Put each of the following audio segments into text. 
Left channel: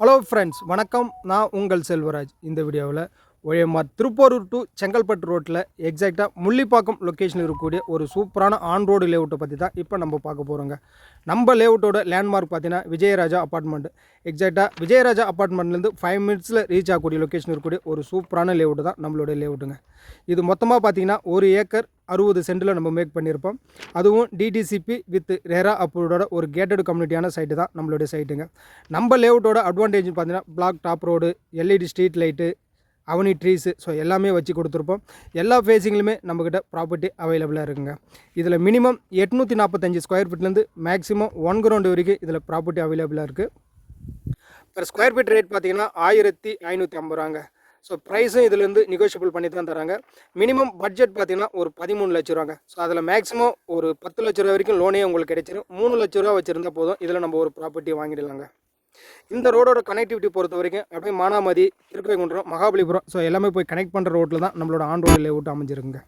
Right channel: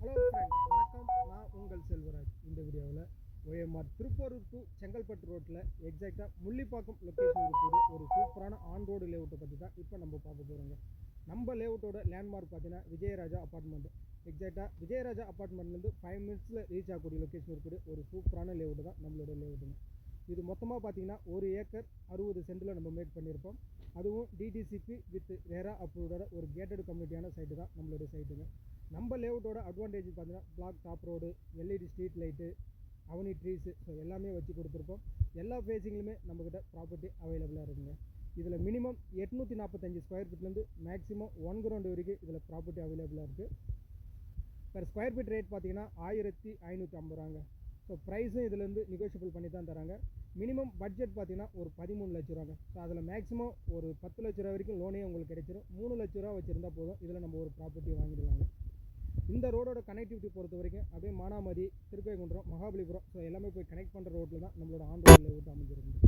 Hello friends, வணக்கம். நான் உங்கள் செல்வராஜ். இந்த வீடியோவில் OMR திருப்போரூர் டு செங்கல்பட்டு ரோட்டில் எக்ஸாக்டாக முள்ளிப்பாக்கம் லொக்கேஷனில் இருக்கக்கூடிய ஒரு சூப்பரான ஆன் ரோடு லேஅவுட்டை பற்றி தான் இப்போ நம்ம பார்க்க போகிறோங்க. நம்ம லேஅவுட்டோட லேண்ட்மார்க் பார்த்தீங்கன்னா விஜயராஜா அப்பார்ட்மெண்ட். எக்ஸாக்டாக விஜயராஜா அப்பார்ட்மெண்ட்லேருந்து 5 மினிட்ஸில் ரீச் ஆகக்கூடிய லொக்கேஷன் இருக்கக்கூடிய ஒரு சூப்பரான லேஅவுட்டு தான் நம்மளுடைய லேஅவுட்டுங்க. இது மொத்தமாக பார்த்தீங்கன்னா 1 ஏக்கர் 60 சென்டில் நம்ம மேக் பண்ணியிருப்போம். அதுவும் டிடிசிபி வித் ரெரா அப்ரூவோட ஒரு கேட்டட் கம்யூனிட்டியான சைட்டு தான் நம்மளுடைய சைட்டுங்க. நம்ம லேஅவுட்டோட அட்வான்டேஜ் பார்த்தீங்கன்னா black top road, LED street light, avenue trees, so எல்லாமே வச்சு கொடுத்துருப்போம். எல்லா ஃபேஸிங்லையுமே நம்மக்கிட்ட ப்ராப்பர்ட்டி அவைலபிளாக இருக்குங்க. இதில் மினிமம் 845 ஸ்கொயர் ஃபீட்லேருந்து மேக்ஸிமம் 1 கிரவுண்ட் வரைக்கும் இதில் ப்ராப்பர்ட்டி அவைலபிளாக இருக்குது. பர் ஸ்கொயர் ஃபீட் ரேட் பார்த்தீங்கன்னா 1550 ரூபாங்க. ஸோ ப்ரைஸும் இதுலேருந்து நெகோஷியபிள் பண்ணி தான் தராங்க. மினிமம் பட்ஜெட் பார்த்தீங்கன்னா ஒரு 13 லட்ச ரூபாங்க. ஸோ அதில் மேக்ஸிமம் ஒரு 10 லட்ச ரூபா வரைக்கும் லோனே உங்களுக்கு கிடைச்சிடும். 3 லட்ச ரூபா வச்சுருந்தா போதும், இதில் நம்ம ஒரு ப்ராப்பர்ட்டி வாங்கிடலாங்க. இந்த ரோடோட கனெக்டிவிட்டி பொறுத்த வரைக்கும் அப்படியே மானாமதி, திருக்கரைக்குன்றம், மகாபலிபுரம், ஸோ எல்லாமே போய் கனெக்ட் பண்ணுற ரோட்டில் தான் நம்மளோட ஆன் ரோடு லேஅவுட் அமைஞ்சிருக்குங்க.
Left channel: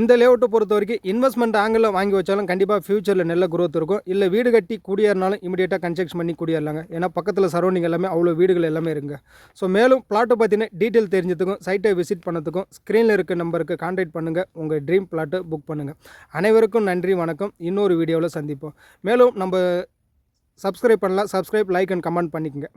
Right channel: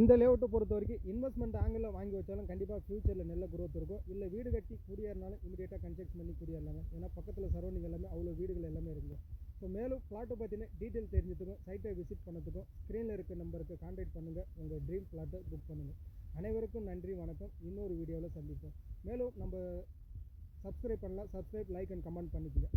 இந்த லேஅவுட்டை பொறுத்த வரைக்கும் இன்வெஸ்ட்மெண்ட் ஆங்கிளில் வாங்கி வச்சாலும் கண்டிப்பாக ஃபியூச்சரில் நல்ல குரோத் இருக்கும். இல்லை வீடு கட்டி குடியேறினாலும் இமீடியட்டாக கன்ஸ்ட்ரக்ஷன் பண்ணி குடியேறலாங்க. ஏன்னா பக்கத்தில் சரௌண்டிங் எல்லாமே அவ்வளோ வீடுகள் எல்லாமே இருக்குங்க. ஸோ மேலும் பிளாட்டை பற்றின டீட்டெயில் தெரிஞ்சதுக்கும் சைட்டை விசிட் பண்ணதுக்கும் ஸ்க்ரீனில் இருக்க நம்பருக்கு கான்டாக்ட் பண்ணுங்கள். உங்கள் ட்ரீம் பிளாட்டை புக் பண்ணுங்கள். அனைவருக்கும் நன்றி, வணக்கம். இன்னொரு வீடியோவில் சந்திப்போம். மேலும் நம்ம சப்ஸ்கிரைப் பண்ணலாம். சப்ஸ்கிரைப், லைக் அண்ட் கமெண்ட் பண்ணிக்கங்க.